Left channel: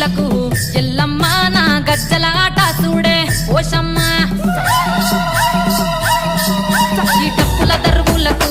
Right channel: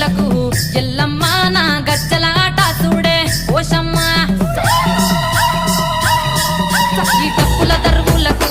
దరువులకు ఎల్లమ్మ నా గజ్జల ఆట చూడే ఓషమ్మ ఈ డప్పుల దరువులకు